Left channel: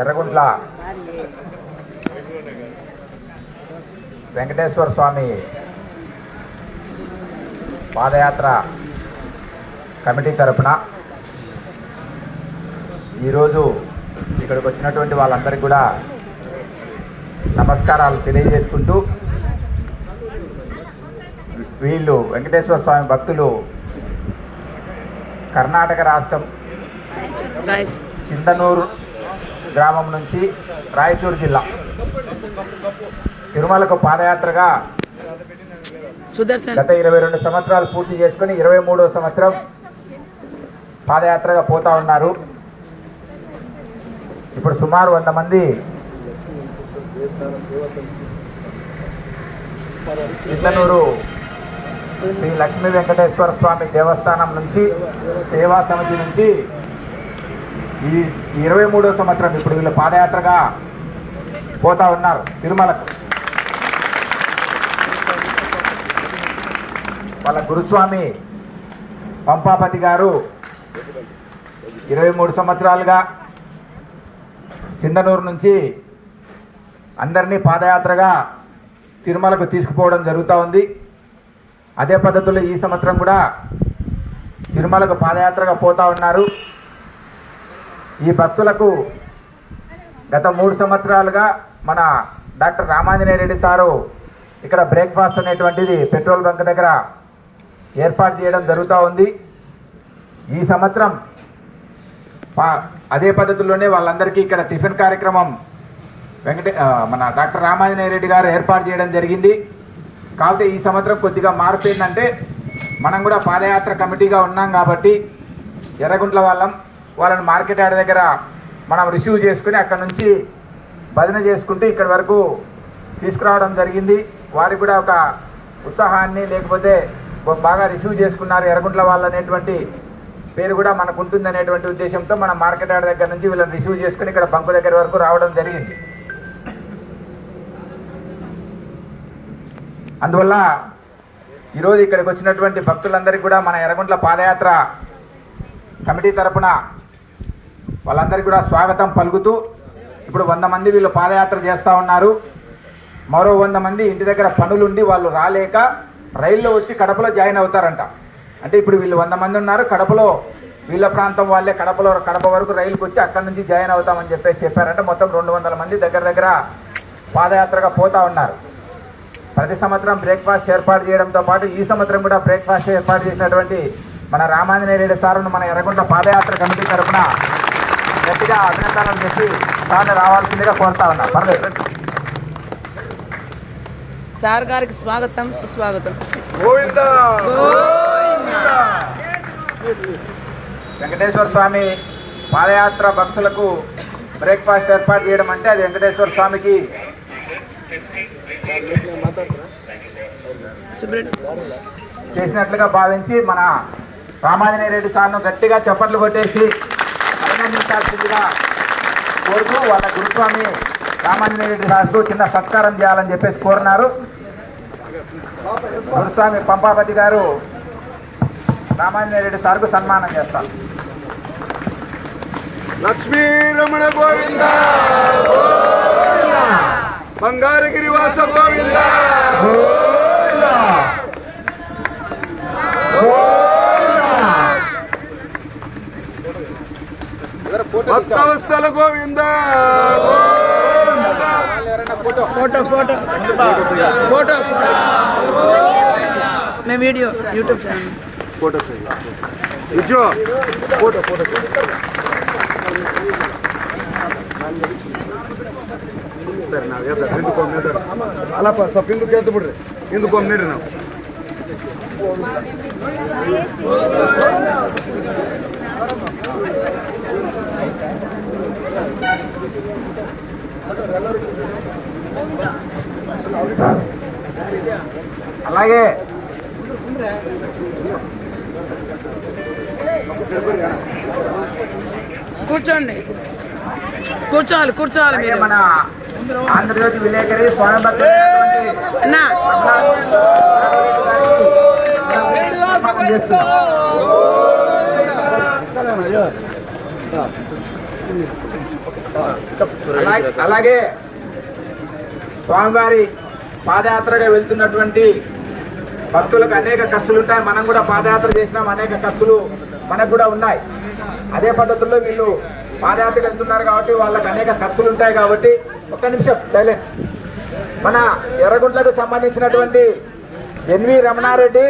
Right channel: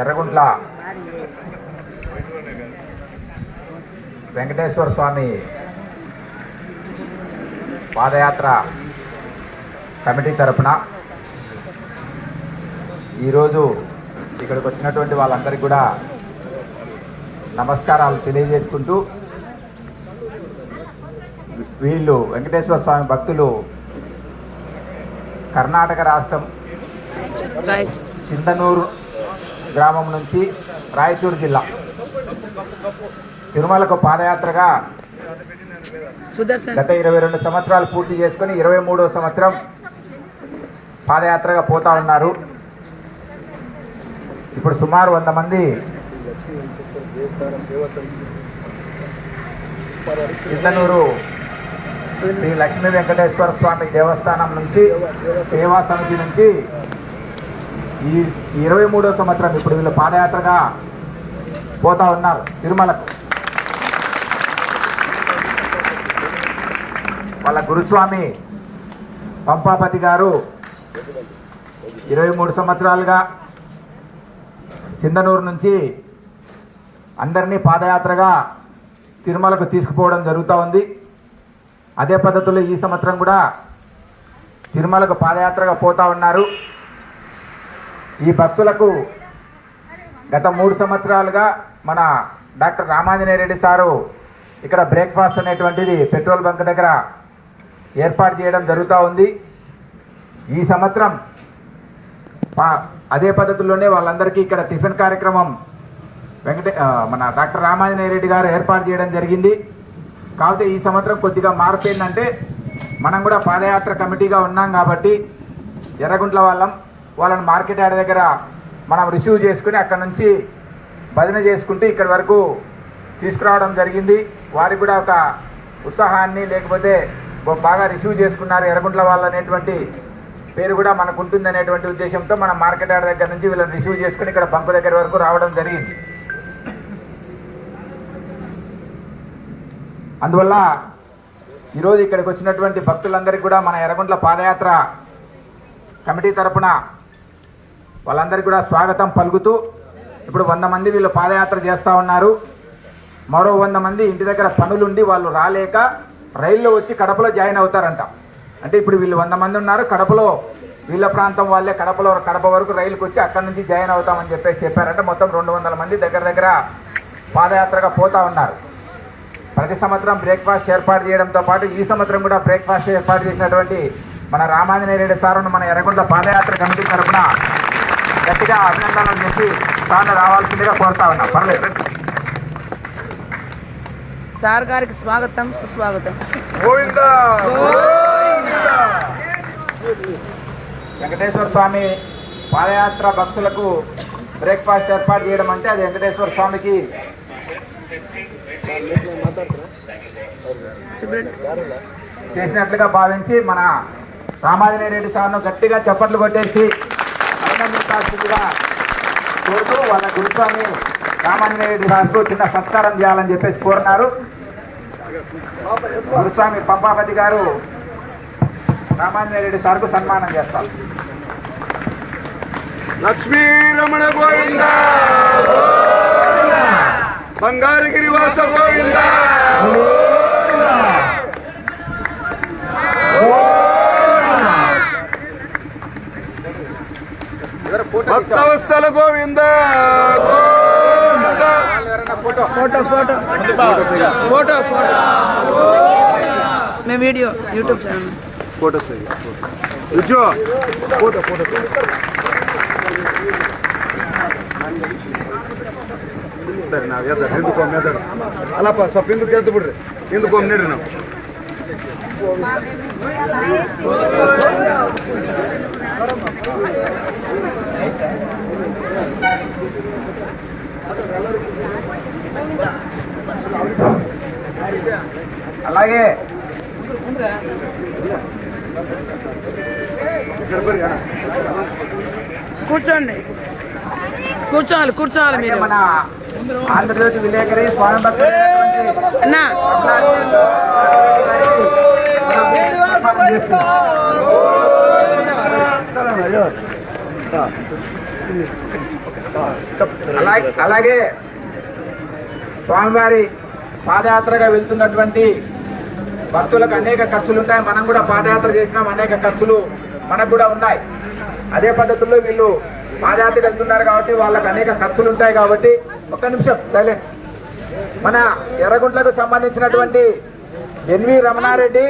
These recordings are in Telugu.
ఎర్రగుంట్ల. వెంకటేశ్వర స్వామి పాదయాత్ర కమిటీ తరపున ఈరోజు ఇక్కడికి వచ్చినటువంటి వాళ్ళందరికీ కూడా నమస్కారాలు తెలియజేసుకుంటూ వీళ్ళు వెంకటేశ్వర స్వామి భక్తులు కర్ణాటక రాష్ట్రం చింతనూరు గ్రామం నుంచి రాయచూరు జిల్లా. తిరుమలకు పాదయాత్రగా గత ఇరవై రెండు సంవత్సరాలు పూర్తి చేసుకుని ఇరవై మూడో సంవత్సరం పాదయాత్రగా పోతా ఉన్నారు. ఇప్పుడు సుమారు వంద మంది చింతనూరు శ్రీ లక్ష్మీ వెంకటేశ్వర స్వామి దేవస్థానం నుంచి సేవా సమితి నుంచి ఈ ఇరవై మూడో సంవత్సరం ఇప్పుడు వీళ్ళు పాదయాత్రగా పోతా ఉన్నారు. తిరుమలకు. వాళ్ళ గురుస్వామి పంపాపతి గారు ఇరవై మూడు సంవత్సరాలుగా చిందనూరు నుంచి అందరినీ పాదయాత్రగా తిరుమలకు తీసుకుపోవడం జరుగుతూ ఉంది. అదే పద్ధతిలో ఈ సంవత్సరం కూడా తిరుమలకు పాదయాత్రగా పోతా ఉన్నారు. ఈ భక్తులకు గత మూడు సంవత్సరాలుగా మన డాక్టర్ రామాంజనేయ రెడ్డి సారు ఇక్కడ బ్రేక్ఫాస్ట్ అనేటువంటిది పెట్రోల్ బంక్ దగ్గర ఏర్పాటు చేయడం జరుగుతూ ఉంది. ఈ సంవత్సరం అదే పద్ధతిలోనే వాళ్ళందరికీ ఇక్కడ టిఫిన్ కార్యక్రమం వెంకటే మన డాక్టర్ రామాంజనేయ రెడ్డి గారు ఏర్పాటు చేయడం జరిగింది. కాకపోతే ఈ సంవత్సరం కొద్దిగా మార్పు ఏంటంటే మనం కూడా పాదయాత్ర కమిటీగా ఉన్నాం కాబట్టి ఎర్రగుంట్ల వాళ్ళం వాళ్ళని మార్కెట్ యార్డ్ దగ్గర మనం రిసీవ్ చేసుకుని అక్కడ నుంచి భజన చేసుకుంటూ ఇక్కడి వరకు తీసుకురావడం జరిగింది. వారికి కూడా ఒక ఉత్సాహాన్ని లేకపోతే బాగా రిసీవ్ చేసుకున్నారు. ఎర్రగుంట్ల వాళ్ళు అనేటువంటి పేరు కూడా మనకు ఉంటుంది అనేటువంటి ఉద్దేశంతో మనం మార్కెట్ యార్డ్ దగ్గర నుంచి వీళ్ళని రిసీవ్ చేసుకుని ఇక్కడ బంకు దగ్గర వరకు రావడం జరిగింది. అందువల్ల ఈరోజు ఇక్కడికి వచ్చినటువంటి భక్తులందరికీ కూడా మన ఎర్రగుంట్ల పాదయాత్ర కమిటీ తరపున వాళ్ళందరికీ కూడా స్వాగతం పలుకుతూ ఇప్పుడు వంద మంది వీళ్ళు పాదయాత్ర చేస్తూ ఉన్నారు. మరో వంద మంది ఇంటి దగ్గర పనులుండి వాళ్ళు రాలేక రైల్లో వచ్చి కడపలో జాయిన్ అవుతారంట. అంటే ఇప్పుడు వీళ్ళు వంద మంది ఉన్నారు కడపలో వీళ్ళ ప్రాంతం వాళ్ళే కడపలో కడప వరకు రైలుకి వచ్చి అక్కడ నుంచి జాయిన్ అవుతామని చెప్పేసి చెప్పారంటే. మొత్తం రెండు వందల మంది దగ్గర దగ్గర పాదయాత్రగా పోతా ఉన్నారు. ప్రతి సంవత్సరం బ్రేక్ఫాస్ట్ ఏర్పాటు చేయడంతో పాటు ఈ సంవత్సరం కూడా బ్రేక్ఫాస్ట్ ఏర్పాటు చేసినటువంటి మన రామాంజనేయ రెడ్డి సారును మన ఎర్రగుంట్ల పాదయాత్ర కమిటీ తరఫున గట్టిగా అభినందనలు చేసి తాను రావాల్సిందిగా కోరుతా ఉన్నా. పర్లేదు. సార్ గారికి స్వాగతం సుస్వాగతం. వెంకటేశ్వర స్వామి పాదయాత్ర భక్తులకు బ్రేక్ఫాస్ట్ ఏర్పాటు చేయడం అంటే అది వెంకటేశ్వర స్వామికి. చేసినట్లుగా భావించి మన రామాంజనేయ రెడ్డి సార్ను గట్టిగా చప్పట్లు కొట్టేసి అభినందించాల్సిందిగా కోరుతూ వాళ్ళ గురుస్వామి రామాంజనేయ రెడ్డి సార్కు చిన్న సత్కారం చేయాలని చెప్పేసి కోరున్నారు. గురుస్వామి పంపాపతి గారు రామాంజనేయ రెడ్డి సార్కు సన్మానం చేస్తారు. లక్ష్మీ రమణ గోవింద. బంగారగిరి వాస గోవింద. భక్తవత్సల గోవింద వాళ్ళు ఎవరైనా photo photo photo photo photo మేము video YouTube channel photo ఇచ్చో photo photo ಸರಿ ನಾವು ಎದ ಹಿಂದಕ್ಕೊಮ್ಮೆ ಎದ ಅಲ್ಲಪ್ಪ ಸ್ವಲ್ಪ ಹಿಂದಕ್ಕೆ ಎದ್ದು ಬಿಡ್ರಿ ಹಿಂದಕ್ಕೊಮ್ಮೆ ನೀಡ್ರಿ ನಾವು అలాగే. కూర్చోండి. కూర్చోవాలి కూర్చోవాలి మీరు. మన ఆంధ్రజ్యోతి విలేకరి అన్నా. అలాగే. స్వామివారి పాదయాత్రగా వెళ్తున్నటువంటి భక్తులకు అనేక ఖర్చులు ఉంటాయి మనం కూడా పాదయాత్ర చేసినాం అనేక ఖర్చులు మనకు కూడా ఉన్నాయి. అదే పద్ధతుల్లో వీళ్ళు పాదయాత్ర వెళ్తున్నారు కాబట్టి వాళ్ళకి అనేక ఖర్చులు ఉంటాయి కాబట్టి ఒక్క నిమిషం సైలెంట్ మన ఎర్రగుంట్లకు సంబంధించినటువంటి ఎన్వి రమణారెడ్డి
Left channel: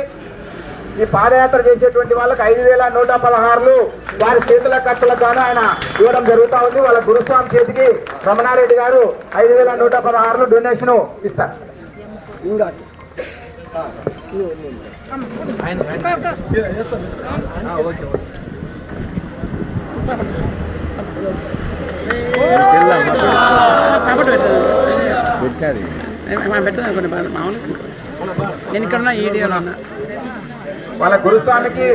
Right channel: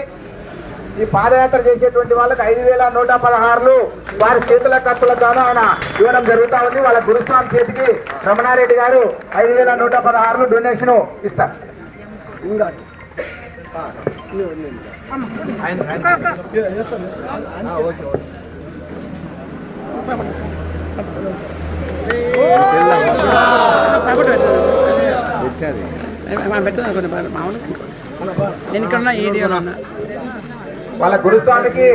ఈ పాదయాత్ర చేసేటువంటి వాళ్ళకి ఐదు వేల నూట పదహారులు వారి చేతుల ఖర్చులకు గాను ఆయన ఇవ్వడం జరుగుతూ ఉంది. వాళ్ళ గురుస్వామి చేతికి రమణారెడ్డి గారు ఐదు వేల నూట పదహారులు డొనేషన్ ఇస్తారు. ఇంకా పెట్టదు పెట్టదు అనుకోండి నేను ఇక్కడ ఉన్నా ఈడియోలో ఉన్నా వాళ్ళ గురుస్వామికి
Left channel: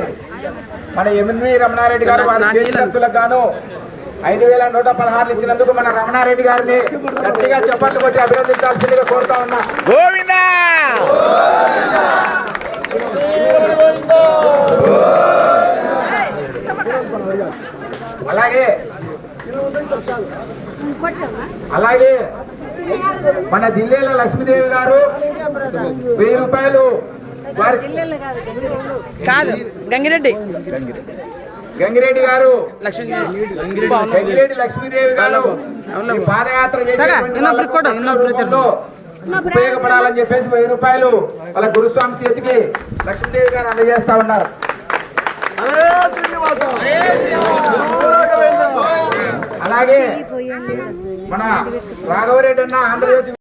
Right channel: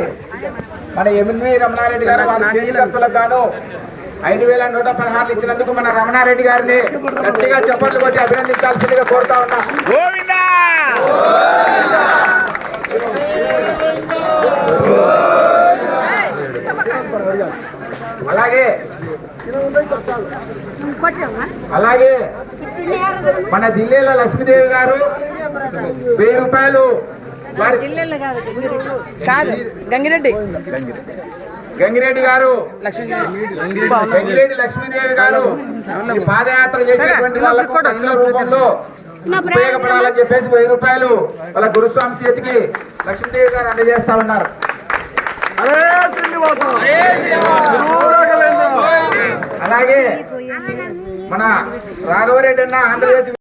మన ఎంవి రమణారెడ్డి గారు వారి గాను ఐదు వేల నూట పదహారులు ఇచ్చినందుకు మన రమణారెడ్డి గారిని గట్టిగా చప్పట్లు కొట్టి అభినందించాల్సిందిగా కోరుతా ఉన్నా. అలాగే. అలాగే. మన జిల్లేల లక్ష్మీదేవి గారు వెయ్యి రూపాయలు కాదు గంగిరెడ్డి. గంగిరెడ్డి గారు. లక్ష్మీదేవి. గంగిరెడ్డి లక్ష్మీదేవి గారు పాదయాత్ర చేసేటువంటి రూపంలో ఉపయోగపడాలని చెప్పేసి వెయ్యి రూపాయలు వాళ్ళ గురుస్వామి చేతికి లక్ష్మీదేవి గారు అందజేస్తా ఉన్నారు. అలాగే మన రాఘవరెడ్డి అన్న ఆంధ్రజ్యోతి